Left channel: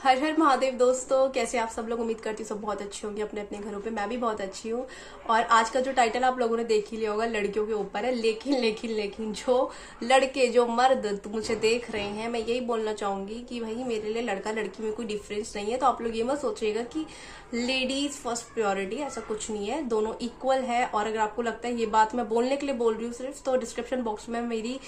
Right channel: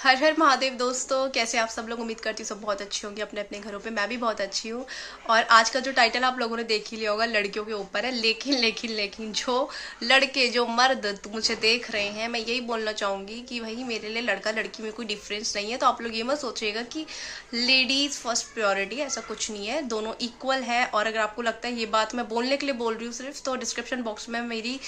हर हर महादेव दोस्तों, कैसे आप सब लोग। उम्मीद करती हूँ सब बहुत अच्छी होंगी अपने अपने घरों पे। मैं भी बहुत अच्छी हूँ। और आज का जो टाइटल आप लोगों ने देख ही लिया होगा, लड़कियों के ऊपर है। लेकिन लेकिन लेकिन जो लड़के, जो मर्द मुझे देख रहे हैं, मैं यही बोलना चाहूँगी कि भाई मेरे लिए लड़का लड़की में कोई डिफरेंस नहीं है। तो आप लोग ये मत सोचिएगा कि लेडीज़ फर्स्ट प्योरिटी, ऐसा कुछ नहीं है। दोनों इक्वल है। और अगर आपको लगता है ये बात मैं बोलने के लिए बोल रही हूँ सिर्फ, तो डिस्क्रिप्शन बॉक्स में मेरी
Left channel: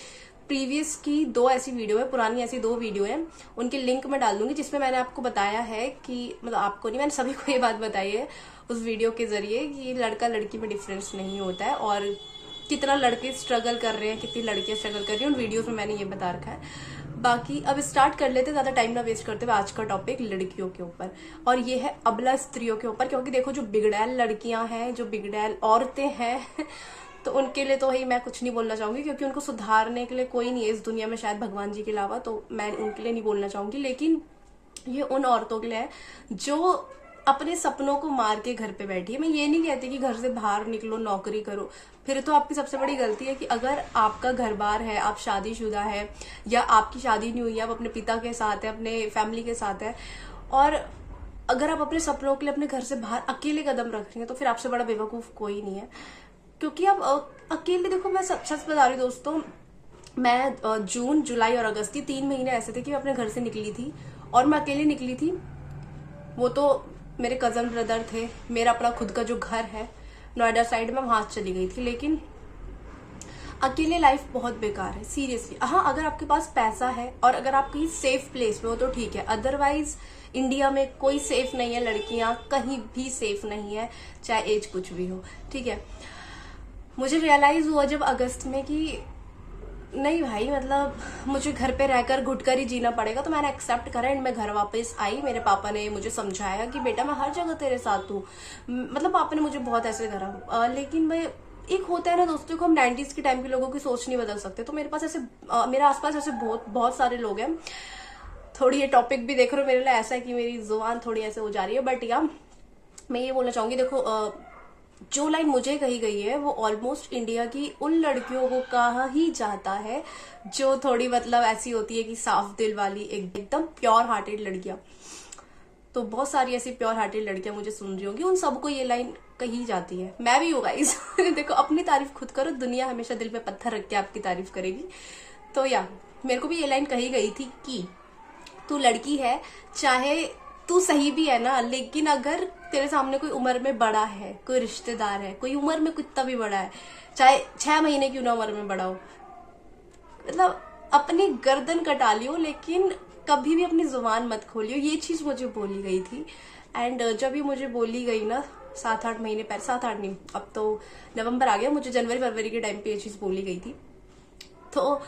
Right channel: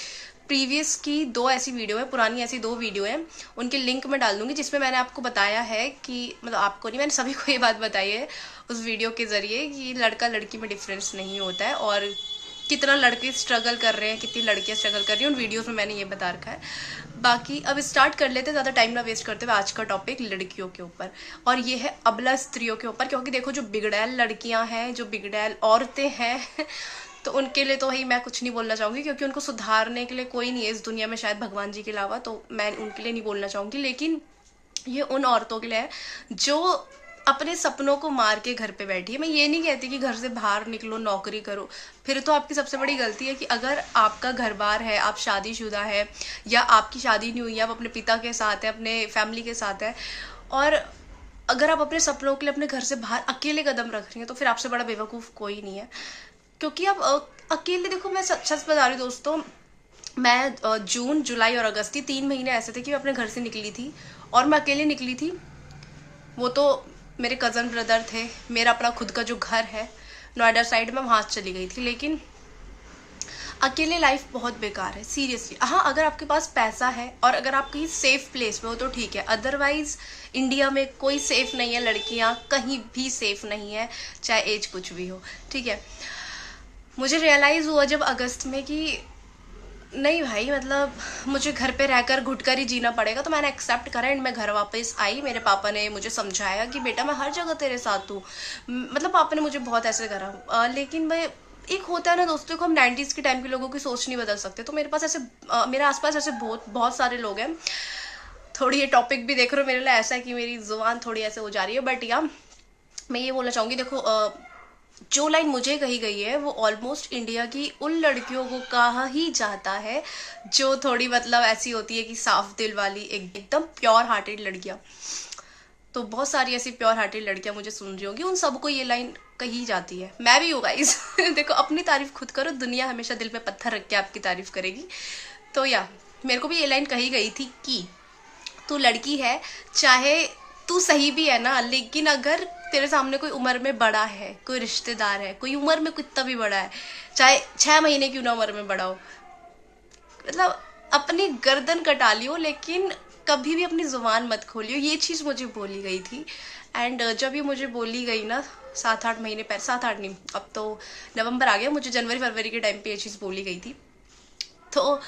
प्रीवियस की 2 ऐसी वीडियो है, पुरानी ऐसी 2 वीडियो है, उनके लिंक मैं डाल दूंगी, जिसमें मैंने आपको बताया है कि, मतलब आपको नहीं, मैंने सभी को ये बात बताई है उस वीडियो के जरिए कि लड़का लड़की में डिफरेंस नहीं होता है। और कितना लड़के स्ट्रगल कर रहे हैं, कितनी लड़कियां स्ट्रगल कर रही हैं, उन वीडियोस में मैंने ये बता रखा है। बाकी अब स्टार्ट कर लेते, ज़्यादा टाइम ना वेस्ट करते हुए। आज का टॉपिक लड़कियों के ऊपर, और ये है अबला स्त्रियों के ऊपर। क्योंकि देखो, जो बिगड़ैल लड़कियां हैं, जो बिगड़ैल औरतें हैं तो उनके लिए तो ही मैं कुछ नहीं बोलना चाहूँगी, क्योंकि उनको सुधारने के लिए कोई नहीं है इस दुनिया में, शायद भगवान जी के अलावा। तो मैं उनके लिए नहीं बोलना चाहूँगी। लेकिन ये उन औरतों के लिए है जो अपने सपनों को मार के घर पे बैठी है। मैं ये नहीं कहती कि घर से बाहर निकलो, नौकरी करो। फिर तो आपकी सबसे बड़ी गलती है कि अगर आपका घर बार है, आप शादीशुदा है, या आपकी शादी नहीं हुई है, आप अपने पिता के साथ है, अपने फैमिली के साथ है, और अगर आप अपने सपनों के लिए अपने घर से बाहर अकेले कदम रख रही हैं, तो फिर आपसे बड़ा बेवकूफ़ कोई नहीं है। क्योंकि अब अकेले, देखो मैं सच सच बता रही हूँ दोस्तों, मैं जून, जुलाई और अगस्त, ये 3 महीने ऐसे थे कि मैं अपने घर से निकली थी, और मैं अकेले निकली थी। वो तो मेरे कज़न ब्रदर थे, मेरा अपना खुद का जो घर है नोएडा साइड में, वहाँ चली गई थी। लेकिन अकेले लाइफ बहुत बेकार है, सीरियसली। हाँ, अगर आपके पास पैसा है और अगर आप कहीं सेफ प्लेस पे हो तो ठीक है, अदरवाइज इंडिया में कोई सेफ नहीं है। लड़कियाँ कहीं भी सेफ नहीं है, चाहे एज कुछ भी हो, ठीक है। मुझे रियलाइज़ हुआ जब अगस्त में कि नहीं भाई, मतलब मुझे घर पे रहकर घुट कर ही जीना पड़ेगा। तो मैंने एक्सेप्ट करा एंड मैं घर वापस आई। मेरे पापा ने मुझे समझाया कि बेटा मैं हर जगह तेरे साथ हूँ। मतलब पापा ने मुझे बहुत ऐसे करा। लेकिन मैं, एक होता है ना दोस्तों को, हम 90s के टाइम के लोगों की सोच नहीं बदल सकते। तो मेरे पास ऐसे मेरे आसपास ऐसे बहुत बहुत सारे लोग हैं। थोड़ी ये टॉपिक भी देख रहे हो मेरे लिए ऐसा है कि मेरी जुबान थोड़ी ऐसे हो जा रही है, बट या मैं ये बोलना चाहूँगी, देखो जो लाइन मुझे कही गई है वो ऑलमोस्ट इंडिया की उन लड़कियों को कहा ही जाता है जो थोड़ी, मतलब ऐसी होती है कि साफ दिल वाली, एकदम प्योर हार्टेड लड़कियां। तो बहुत सारी ऐसी प्योर हार्टेड लड़कियां मुझे सुन रही होंगी, उन सबको ये लाइन कही जाती है। मैं भी हूँ गाइस। देखो, अपनी तारीफ खुद करो, दुनिया हमेशा दिल पे पत्थर रख के आपकी तारीफ करेगी। तो या मेरे को भी ये लाइन कही गई थी कि तू लड़की है, चाहे तू सही भी है ना, लेकिन अगर तेरे सामने कोई उम्र में बड़ा है, कोई रिश्तेदार है, कोई उम्र में कितना भी बड़ा है, चाहे 6 महीने की ना उम्र में बड़ा हो, मतलब अपनी गर्दन कटा लियो, लेकिन कभी भी अपनी जुबान मत खोलियो। ये चीज़ मुझे बोली गई थी। एंड जब ये मुझे बोली गई ना, 7-8 महीने पहले, 7-8 नहीं, अब तो नवंबर आ गया, मुझे जनवरी फरवरी के टाइम पे ये चीज़ बोली गई थी। तो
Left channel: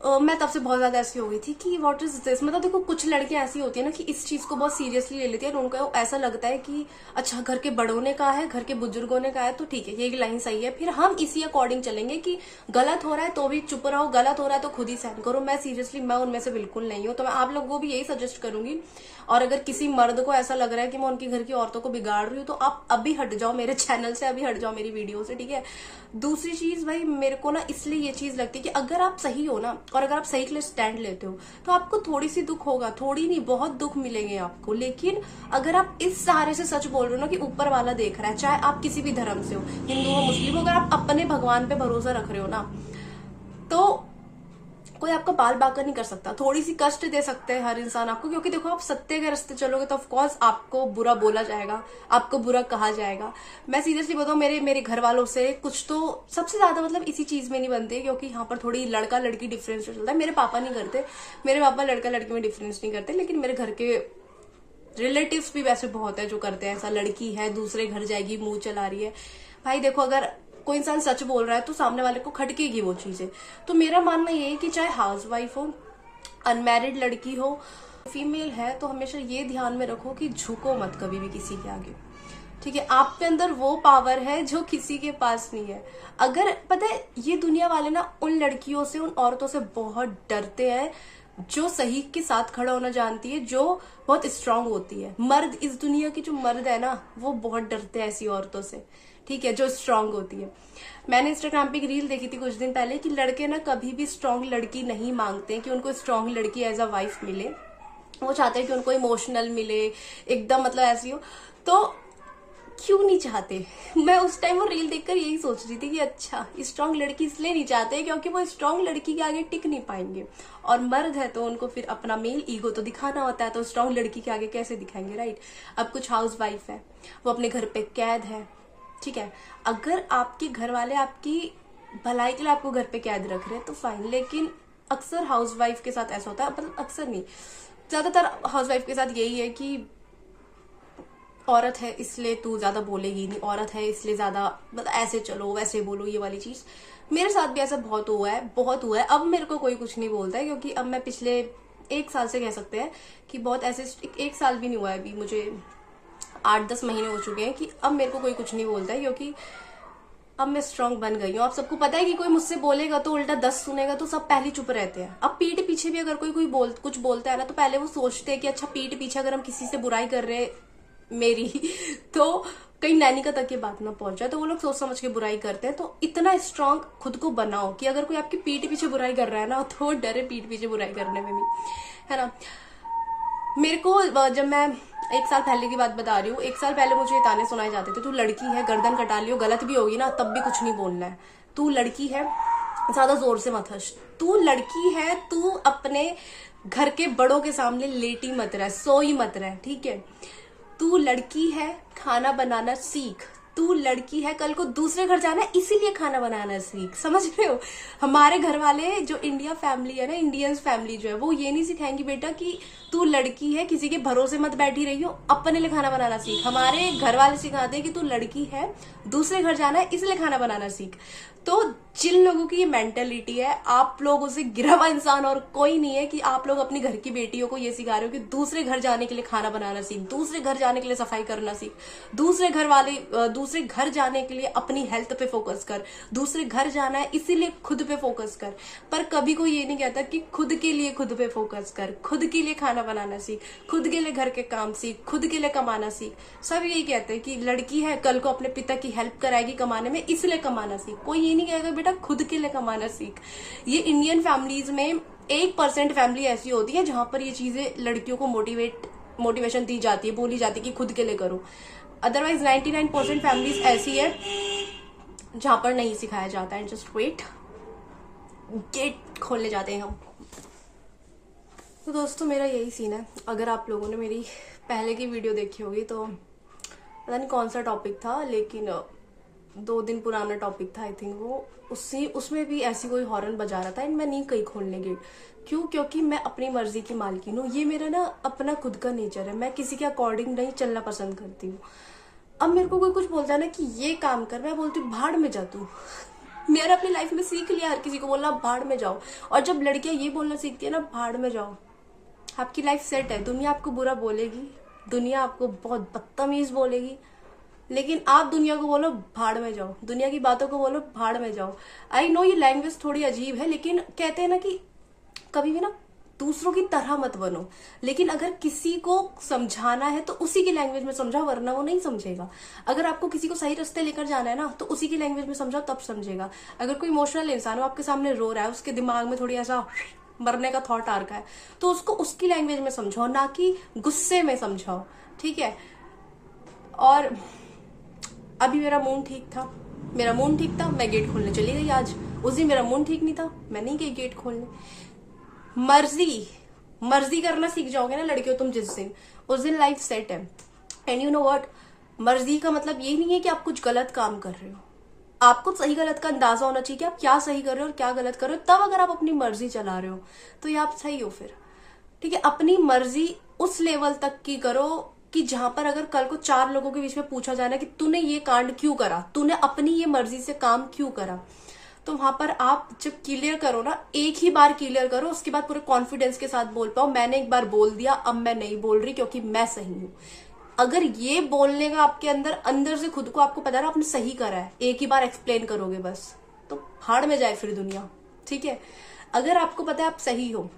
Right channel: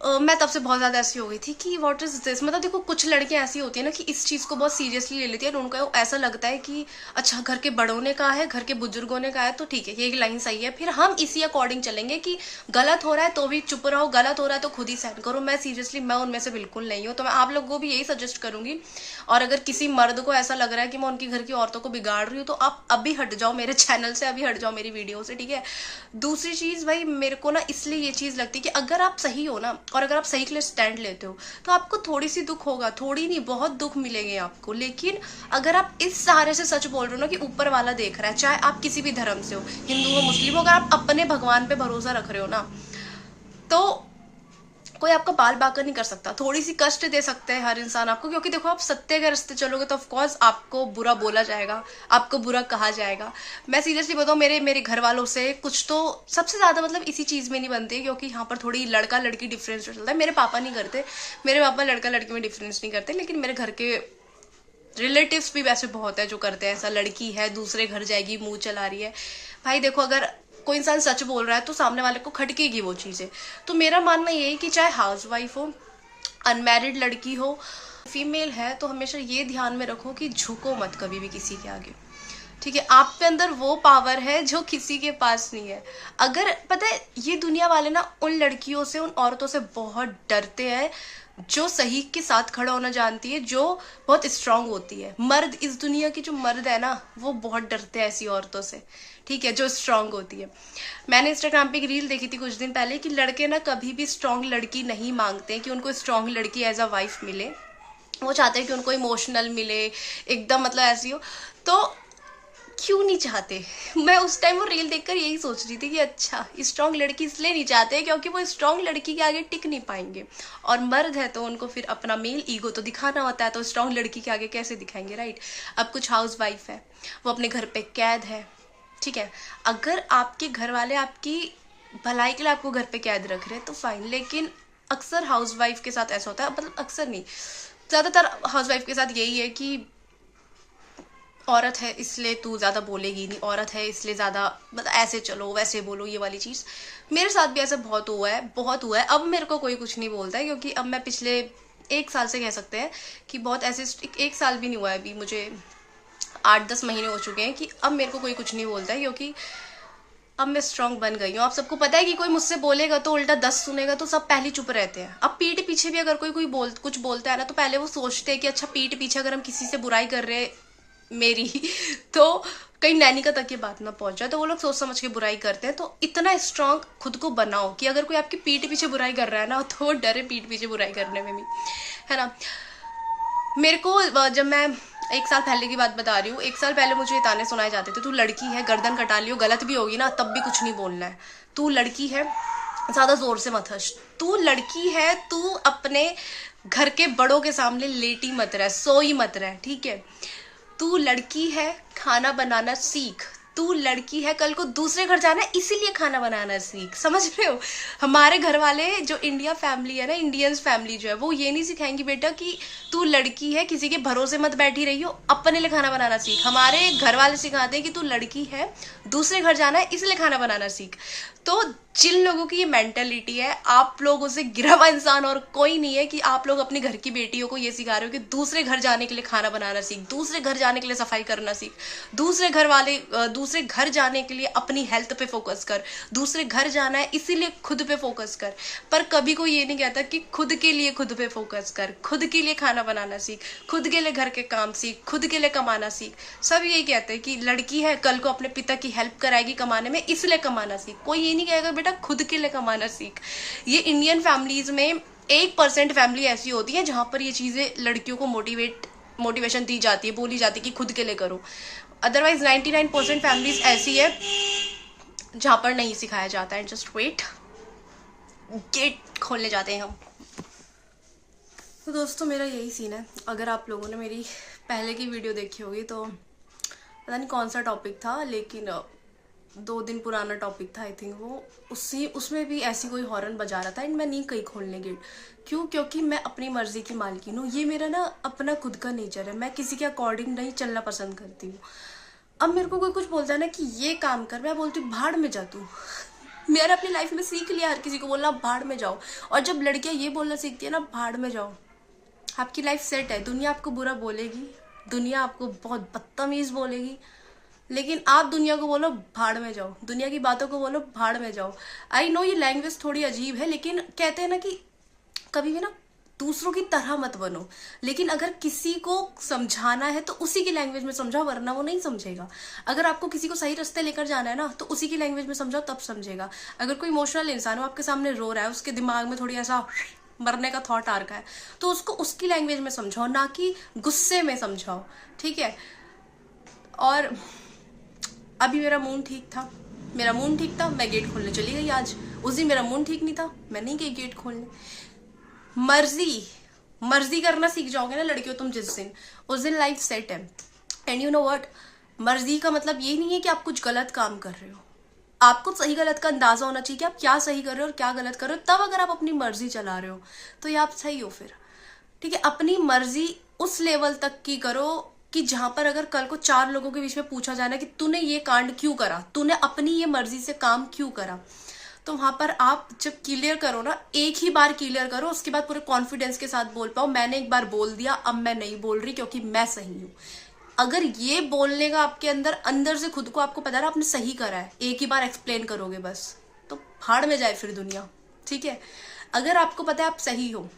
मैं तब से बहुत ज़्यादा ऐसी हो गई थी कि व्हाट इज़ दिस। मतलब देखो, कुछ लड़कियां ऐसी होती है ना कि इस चीज़ को बहुत सीरियसली ले लेती है, और उनको ऐसा लगता है कि अच्छा, घर के बड़ों ने कहा है, घर के बुजुर्गों ने कहा है, तो ठीक है, ये लाइन सही है, फिर हम इसी अकॉर्डिंग चलेंगे। कि गलत हो रहा है तो भी चुप रहो, गलत हो रहा है तो खुद ही सहन करो। मैं सीरियसली, मैं उनमें से बिल्कुल नहीं हूँ। तो मैं आप लोगों को भी यही सजेस्ट करूंगी। और अगर किसी मर्द को ऐसा लग रहा है कि मैं उनकी घर की औरतों को बिगाड़ रही हूँ, तो आप अभी हट जाओ मेरे चैनल से, अभी हट जाओ मेरी वीडियो से, ठीक है। दूसरी चीज़ भाई, मेरे को ना इसलिए ये चीज़ लगती है कि अगर आप सही हो ना, और अगर आप सही के लिए स्टैंड लेते हो, तो आपको थोड़ी सी दुख होगा, थोड़ी नहीं बहुत दुख मिलेंगे आपको। लेकिन अगर आप इस सहारे से सच बोल रहे हो ना कि ऊपर वाला देख रहा है, चाहे आप किसी भी धर्म से हो, हिंदू हो, मुस्लिम हो, अगर आप अपने भगवान पे भरोसा रख रहे हो ना, तो कोई आपका बाल बांका नहीं कर सकता। थोड़ी सी कष्ट दे सकते हैं हर इंसान आपको, क्योंकि देखो, आप सत्य के रास्ते चलोगे तो ऑफकोर्स आपको बुरा बोला जाएगा, आपको बुरा कहा जाएगा। मैं सीरियसली बताऊँ, मेरे मेरे घर वालों से कुछ तो सबसे ज्यादा मतलब इसी चीज में नहीं बनती, क्योंकि यहाँ पर थोड़ी लड़का लड़की डिफरेंस चलता है। मेरे पापा नहीं करते, मेरे पापा लड़का लड़की में डिफरेंस नहीं करते, लेकिन मेरे घर के रिलेटिव्स भी वैसे बहुत है जो करते हैं ऐसा। लड़की है, दूसरे घर जाएगी, मुंह चला रही है। भाई देखो, अगर कोई इंसान सच बोल रहा है तो सामने वाले को खटकेगी वो चीजें। तो मेरा मानना ये है कि चाहे हाउस वाइफ हो, अनमैरिड लड़की हो, फीमेल है, तो हमेशा ये ध्यान में रखो कि झुको मत कभी भी किसी के आगे, ठीक है। आप पे अंदर वो पावर है जो किसी के पास नहीं है। अगर पता है, ये दुनिया वाले ना उन लड़कियों से, उन औरतों से बहुत डरते हैं जो सही के साथ खड़ा होना जानती है, जो बहुत स्ट्रांग होती है। मर्द, इस दुनिया की जो मर्द है ना, वो बहुत डरते हैं ऐसी औरतों से, ठीक है, जो स्ट्रांग होती है। मैंने इंस्टाग्राम पे एक रील देखी थी कुछ दिन पहले कि लड़के ना कभी भी स्ट्रांग लड़की नहीं मांगते कि उनको स्ट्रांग लड़की एज अ वाइफ मिले। वो चाहते हैं कि उनको इमोशनल मिले, एकदम मतलब ऐसी हो, तो क्यों नहीं चाहते? मैं उस टाइम वो रील देखकर यही सोच रही थी कि अच्छा, स्ट्रांग लड़की इसलिए नहीं चाहते क्योंकि वो स्ट्रांग लड़की के आगे टिक नहीं पाएंगे, और मर्द है तो उनको फिर अपना मेल ईगो तो दिखाना होता है, तो स्ट्रांग लड़की के आगे कैसे दिखाएंगे, राइट? अब कुछ हाउस वाइफ है, वो अपने घर पे कैद है, ठीक है, अगर आपके घर वाले आपकी भलाई के लिए आपको घर पे कैद रख रहे हैं तो फाइन, लेकिन अक्सर हाउस वाइफ के साथ ऐसा होता है, मतलब अक्सर नहीं, ज़्यादातर हाउस वाइफ के साथ यही है कि औरत है इसलिए तू ज़्यादा बोलेगी नहीं, औरत है इसलिए ज़्यादा मतलब ऐसे चलो वैसे बोलो, ये वाली चीज़ मेरे साथ भी ऐसा बहुत हुआ है, बहुत हुआ है। अब मेरे को कोई कुछ नहीं बोलता है क्योंकि अब मैं पिछले 1 साल से कह सकते हैं कि बहुत ऐसे, 1 साल भी नहीं हुआ है अभी, मुझे 8-10 महीने हो चुके हैं कि अब मेरे को कोई कुछ नहीं बोलता है, क्योंकि अब मैं स्ट्रांग बन गई हूँ। आप सबको पता है कि कोई मुझसे बोलेगा तो उल्टा 10 सुनेगा, तो सब पहले चुप रहते हैं। अब पीठ पीछे भी अगर कोई कुछ बोलता है ना, तो पहले वो सोचते हैं कि अच्छा, पीठ पीछे अगर हम किसी से बुराई कर रहे हैं मेरी तो कहीं नैनी का तक ये बात ना पहुंच जाए, तो वो लोग सोच समझ के बुराई करते हैं। तो इतना स्ट्रांग खुद को बनाओ कि अगर कोई आपकी पीठ पीछे बुराई कर रहा है ना, तो वो डरे पीठ पीछे बुराई करने में भी, है ना। मेरे को जब मैं 1 साल पहले की बात बता रही हूँ, 1 साल पहले मुझे ये ताने सुनाए जाते थे, तू लड़की है, गर्दन कटा लियो, गलत भी होगी ना तब भी कुछ नहीं बोलना है, तू लड़की है, ज्यादा जोर से मत हंस, तू लड़की है, तू अपने घर के बड़ों के सामने लेटी मत रह, सोई मत रह, ठीक है, तू लड़की है, खाना बनाना सीख, तू लड़की है, कल को दूसरे घर जाना है इसीलिए खाना बनाना सीख, समझ रहे हो। हमारे घर वाले जो इंडिया फैमिली है ना, इंडियंस फैमिली जो है, वो ये नहीं सिखाएंगी बेटा कि तू लड़की है किसी के भरोसे मत बैठी रही हो, अपने लिए खाना बनाना सीख। हमारे घर वाले सिखाते हैं कि तू लड़की है, दूसरे घर जाना है इसलिए खाना बनाना सीख। तो जिन लोगों की ये मेंटेलिटी है, आप लोगों से गिरा हुआ इंसान और कोई नहीं है कि आप लोग अपनी घर की बेटियों को ये सिखा रहे हो कि दूसरे घर जाने के लिए खाना बनाना सीख, दूसरे घर जाने के लिए सफाई करना सीख, दूसरे घर जाने के लिए अपनी हेल्थ पे फोकस कर, दूसरे घर जाना है इसीलिए खुद पे फोकस कर। पर कभी कोई ये नहीं कहता कि खुद के लिए खुद पे फोकस कर, खुद के लिए खाना बनाना सीख, खुद के लिए घर के काम सीख, खुद के लिए कमाना सीख। सब यही कहते हैं कि लड़की है, कल को अपने पिता की हेल्प कराएगी कमाने में, इसलिए कमाना सीख। कोई ये नहीं कहेगा बेटा खुद के लिए कमाना सीख। ये इंडियन फैमिलीज में 1% फैमिली ऐसी होती है जहां पर ये चीजें लड़कियों को मोटिवेशन दी जाती है, बोली जाती है कि खुद के लिए करो। अदरवाइज 99% फैमिलीज ऐसी है जहां पर नहीं सिखाया जाता है। जस्ट वेट, गेट खोलने जाते हैं हम। तो दोस्तों मेरा यही सीन है। अगर आप लोगों ने मेरी पहले की वीडियो देखी होगी तो पता नहीं कौन सा टॉपिक था, लेकिन 2 दिन पुराना टॉपिक था आई थिंक वो, उसमें भी ऐसी कोई हॉर्न बजा रहा था एंड मैं नहीं कहीं खोलने गेट। क्यों? क्योंकि मैं अपनी मर्जी की मालकिन हूँ। ये मेरा ना अपना खुद का नेचर है, मैं किसी के अकॉर्डिंग नहीं चलना पसंद करती हूँ। अब मेरे को कोई कुछ बोलता है ना कि ये काम कर, मैं बोलती हूँ भाड़ में जा तू। मैंने अपनी लाइफ में सीख लिया हर किसी को बोलना भाड़ में जाओ, और जब लड़कियां ये बोलना सीखती है ना भाड़ में जाओ, आपकी लाइफ सेट है। दुनिया आपको बुरा बोलेगी, दुनिया आपको बहुत बदतमीज बोलेगी, लेकिन आप दुनिया को बोलो भाड़ में जाओ, दुनिया की बातों को बोलो भाड़ में जाओ। आई नो ये लैंग्वेज थोड़ी अजीब है, लेकिन कहते हैं ना कि कभी भी ना दूसरों की तरह मत बनो, लेकिन अगर किसी को समझाना है तो उसी की लैंग्वेज में समझाओ, वरना वो नहीं समझेगा। अगर आपको किसी को सही रास्ते लेकर जाना है ना, तो उसी की लैंग्वेज में समझाओ, तब समझेगा। अगर कोई इमोशनल इंसान हो आपके सामने रो रहा है, उसके दिमाग में थोड़ी ऐसा मरने का थॉट आ रखा है, तो उसको उसकी लैंग्वेज में समझाओ, ना कि गुस्से में समझाओ, ठीक है। और अभी मेरा मूड ठीक था, मैं गेट खोलने चली गई आज। उस दिन मेरा मूड ठीक नहीं था, मैं नहीं गई गेट खोलने। मर्जी करना सीख जाओगे ना लड़कियों तुम जिस दिन, उस दिन लाइफ सेट है। एंड यू नो व्हाट, मर्जी का मतलब ये नहीं है कि आप कुछ गलत काम कर रहे हो। आपको सही गलत का अंदाजा होना चाहिए कि आप क्या सही कर रहे हो और क्या गलत कर रहे हो। तब अगर आप अपनी मर्जी चला रहे हो तो ये आप सही हो फिर, ठीक है। अपनी मर्जी उस लेवल तक की करो कि जहां पर अगर कल को 4 लोगों के बीच में पूछा जाए ना कि तूने ये कांड क्यों करा, तूने अपनी ये मर्जी से काम क्यों करा, तो वहां पर आप जब क्लियर करो ना, एक ही बार क्लियर करो, उसके बाद पूरे कॉन्फिडेंस के साथ बोल पाओ मैंने एक बार बोल दिया, अब मैं नहीं बोल रही क्योंकि मैं सही हूं। अगर ये बोलने का आपके अंदर से खुद को आपको पता है आपने सही करा है, एक ही बार एक्सप्लेन करोगे बस, तो भाड़ में जाए फिर दुनिया, ठीक है। अगर आपको पता है आप सही हो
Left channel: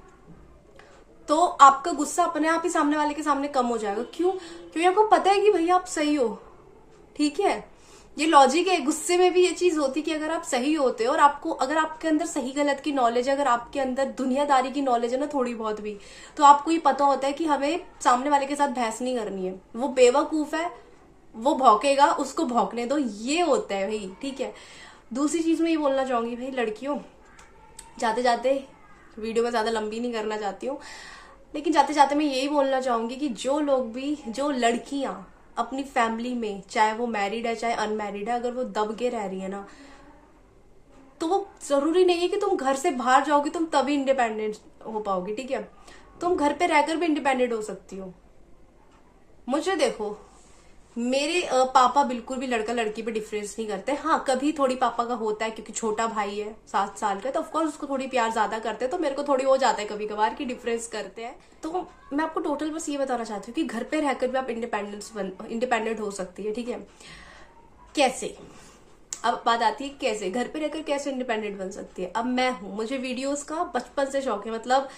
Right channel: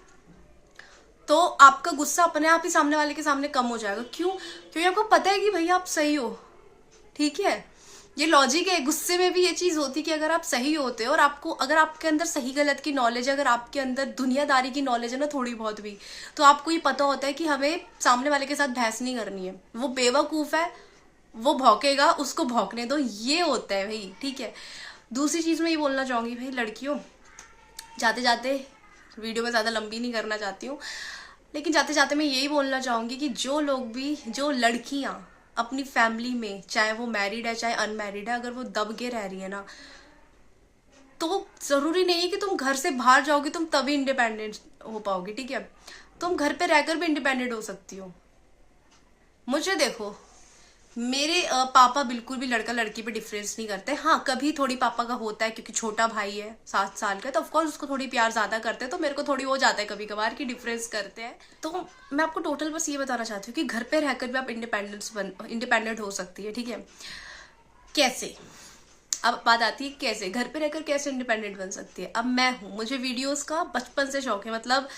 तो आपका गुस्सा अपने आप ही सामने वाले के सामने कम हो जाएगा। क्यों? क्योंकि आपको पता है कि भैया आप सही हो, ठीक है। ये लॉजिक है। गुस्से में भी ये चीज होती कि अगर आप सही होते हो और आपको, अगर आपके अंदर सही गलत की नॉलेज है, अगर आपके अंदर दुनियादारी की नॉलेज है ना थोड़ी बहुत भी, तो आपको ये पता होता है कि हमें सामने वाले के साथ बहस नहीं करनी है। वो बेवकूफ है, वो भौंकेगा, उसको भौंकने दो, ये होता है भाई, ठीक है। दूसरी चीज मैं ये बोलना चाहूंगी भाई लड़कियों, जाते जाते, वीडियो में ज्यादा लंबी नहीं करना चाहती हूँ, लेकिन जाते जाते मैं यही बोलना चाहूंगी कि जो लोग भी, जो लड़कियां अपनी फैमिली में, चाहे वो मैरिड है चाहे अनमैरिड है, अगर वो दब के रह रही है ना, तो जरूरी नहीं है कि तुम घर से बाहर जाओगी तुम तभी इंडिपेंडेंट हो पाओगी, ठीक है। तुम घर पे रहकर भी इंडिपेंडेंट हो सकती हो। मुझे देखो, मेरे पापा बिल्कुल भी लड़का लड़की पे डिफरेंस नहीं करते। हाँ, कभी थोड़ी पापा का होता है क्योंकि छोटा भाई है 7 साल का, तो ऑफकोर्स उसको थोड़ी प्यार ज्यादा करते हैं, तो मेरे को थोड़ी हो जाता है कभी कभार कि डिफरेंस करते हैं। तो मैं आपको टोटल बस ये बताना चाहती हूँ कि घर पे रहकर भी आप इंडिपेंडेंट हो सकती है, ठीक है। कैसे? अब बात आती है कैसे घर पे रहकर कैसे इंडिपेंडेंट बन सकती है। अब मैं हूं, मुझे वीडियोस का बचपन से शौक है, मतलब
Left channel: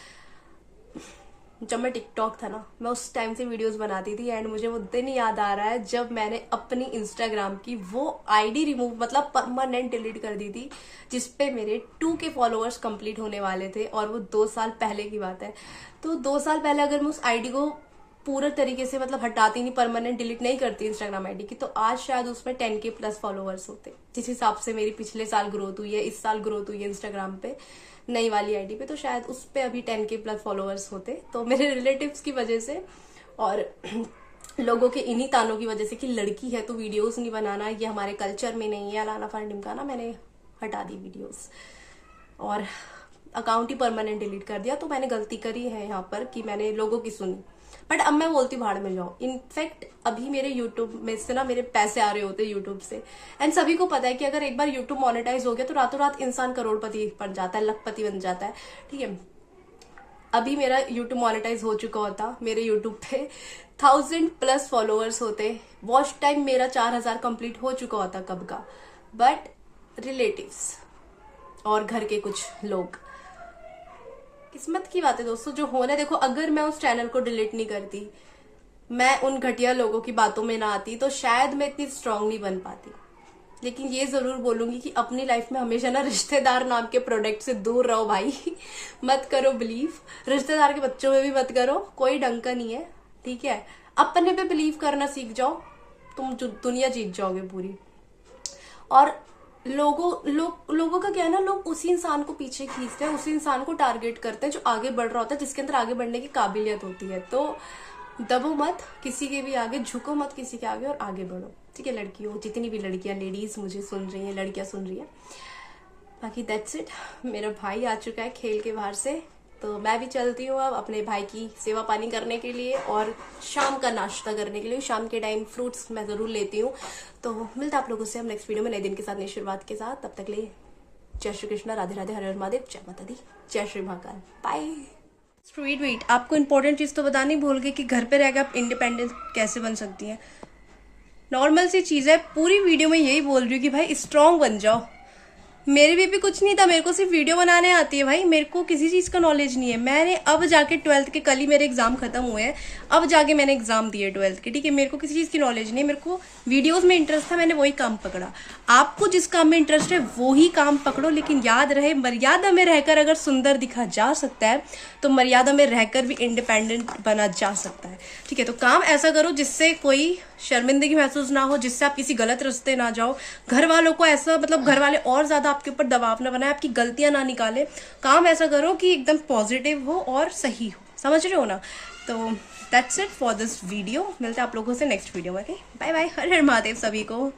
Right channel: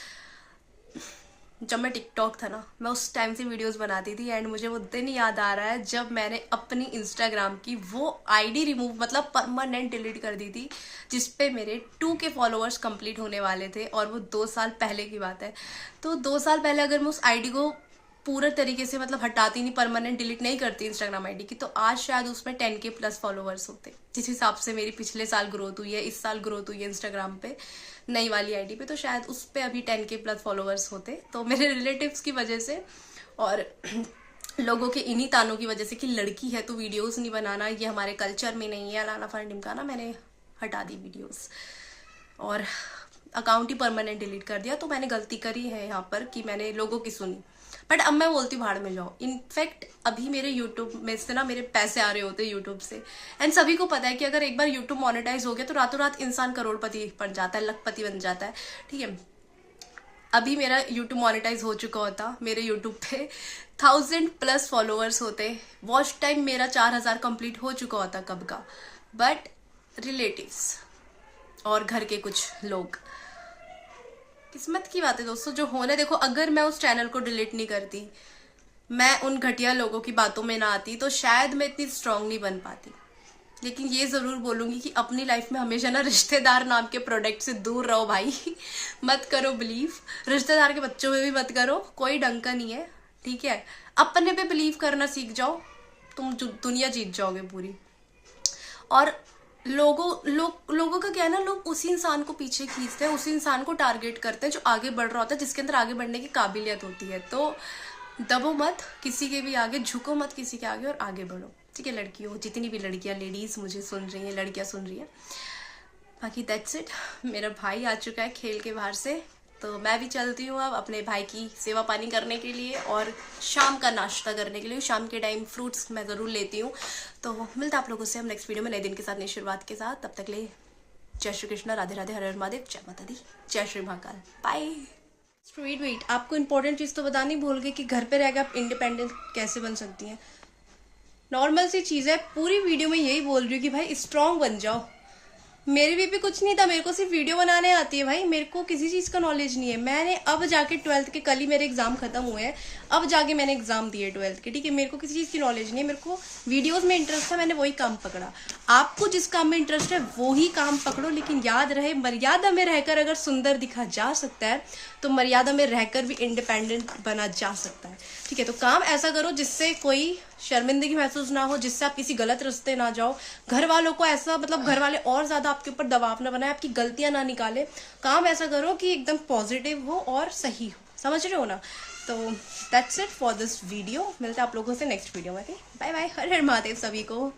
जब मैं टिकटॉक था ना, मैं उस टाइम से वीडियोस बनाती थी। एंड मुझे वो दिन याद आ रहा है जब मैंने अपनी इंस्टाग्राम की वो आईडी रिमूव, मतलब परमानेंट डिलीट कर दी थी, जिसपे मेरे 2K फॉलोअर्स कंप्लीट होने वाले थे, और वो 2 साल पहले की बात है। तो 2 साल पहले अगर मैं उस आईडी को पूरे तरीके से, मतलब हटाती नहीं, परमानेंट डिलीट नहीं करती इंस्टाग्राम आईडी की, तो आज शायद उसमें 10K प्लस फॉलोअर्स होते। जिस हिसाब से मेरी पिछले साल ग्रोथ हुई है, इस साल ग्रोथ हुई है इंस्टाग्राम पे नई वाली आईडी पे, तो शायद उस पे अभी 10K प्लस फॉलोअर्स होते। तो मेरे रिलेटिव्स की वजह से और लोगों के इन्हीं तानों की वजह से कि लड़की है तो वीडियोस नहीं बनाना, ये हमारे कल्चर में नहीं है, अलाना फर ढिमकाना, मैंने हटा दी वीडियोस और अकाउंट ही परमानेंट डिलीट कर दिया। तो मैंने गलती करी है यहाँ पर कि मैंने लोगों की सुनी, बट अब मैं बोलती हूँ भाड़ में जाओ। इनफैक्ट अभी मेरे यूट्यूब में से ना मेरे पैसे आ रहे होते यूट्यूब से, एंड सभी को पता है कि अगर एक बार यूट्यूब मोनेटाइज हो गया तो रातों रात इंसान करोड़पति बन जाता है, लखपति बन जाता है, ठीक है। अभी मेरा यूट्यूब मोनेटाइज हो चुका होता, मेरे यूट्यूब पे 1000 प्लस फॉलोअर्स होते, वॉच टाइम मेरा 4000 कंप्लीट हो चुका होता कब का। बट रिलेटिव्स और घर के कुछ लोग, किस्मत की बात है दोस्तों जो होना। देखो, अगर मैं उस चैनल को डिलीट नहीं करती, मैं उन घटिया लोगों की बातों में ना आती, तो शायद मैं इतनी स्ट्रांग नहीं बन पाती। लेकिन ये जरूर बोलूंगी कि अपनी लाइफ में हमेशा ना रिश्तेदार नाम के प्रोडक्ट से दूर रहो भाई। मत करो बिलीव, रिश्तेदार के बच्चों में भी मत करो, कोई ढंग का नहीं है, ठीक है। अपने पे बिलीव करना सीख जाओ, तुम दुनिया जीत जाओगे पूरी। और लोगों का क्या है ना, लोग उसी इंसान को पीछे खींचते हैं, उसी इंसान को टारगेट करते हैं जो आगे बढ़ रहा होता है, जिसके अंदर आगे बढ़ने की काबिलियत होती है। तो दबो मत किसी के भी आगे, झुको मत किसी के आगे और आगे बढ़ो, ठीक है। लड़कियों, जितनी भी लड़कियां, लेडीज मुझे सुन रही हैं, लड़कियां सुन रही हैं, बाकी दैट्स इट। मेरा भाई आ चुका है खेल के बाहर से, तो मैं भी चलती हूँ अब अपने भाई की सेवा पानी करने के लिए और शाम का नाश्ता करने के लिए। शाम के टाइम फ्रूट्स मैं ज़रूर लेती हूँ। तो मिलता आप लोगों से हम नेक्स्ट वीडियो में नए दिन के साथ, नई शुरुआत के साथ। तब तक लिए जय श्री कृष्णा, राधे राधे, हर हर महादेव, जय माता दी, जय श्री महाकाल, बाय। वेट, आपको इंपॉर्टेंट चीज़ तो बतानी भूल गई कि घर पे रहकर आप इंडिपेंडेंट कैसे बन सकती हैं। नॉर्मल सी चीज़ है, पूरी वीडियो में यही बोल रही हूँ कि भाई स्ट्रांग बन जाओ। मेरे भी कुछ नहीं था, मेरे को सिर्फ वीडियो बनाने आती है भाई, मेरे को किसी चीज़ का नॉलेज नहीं है। मैंने अब जाके 12th के, कल ही मेरे एग्जाम खत्म हुए हैं, अब जाके मैंने एग्जाम दिए 12th के, ठीक है। मेरे को किसी चीज़ की नॉलेज नहीं है, मेरे को वीडियोस में इंटरेस्ट था, मैंने वही काम पकड़ा। आपको जिस काम में इंटरेस्ट है वही काम पकड़ो, लेकिन याद रहे मर्यादा में रहकर अगर सुंदर दिखा जा सकता है तो मर्यादा में रहकर भी इंडिपेंडेंट बना जा सकता है, ठीक है। तो काम ऐसा करो जिससे कोई शर्मिंदगी महसूस ना हो, जिससे आप किसी गलत रास्ते ना जाओ, घर वालों को ऐसा, मतलब घर वाले और ज्यादा आपके ऊपर दबाव ना बनाए, आपकी गलतियां ना निकाले। काम ऐसा करो कि एकदम पॉजिटिव हो और सही हो, समझ रहे हो ना। तो that's it for this video, मिलते हैं आप लोगों से नेक्स्ट वीडियो में, बाय बाय, हर हर महादेव सभी को।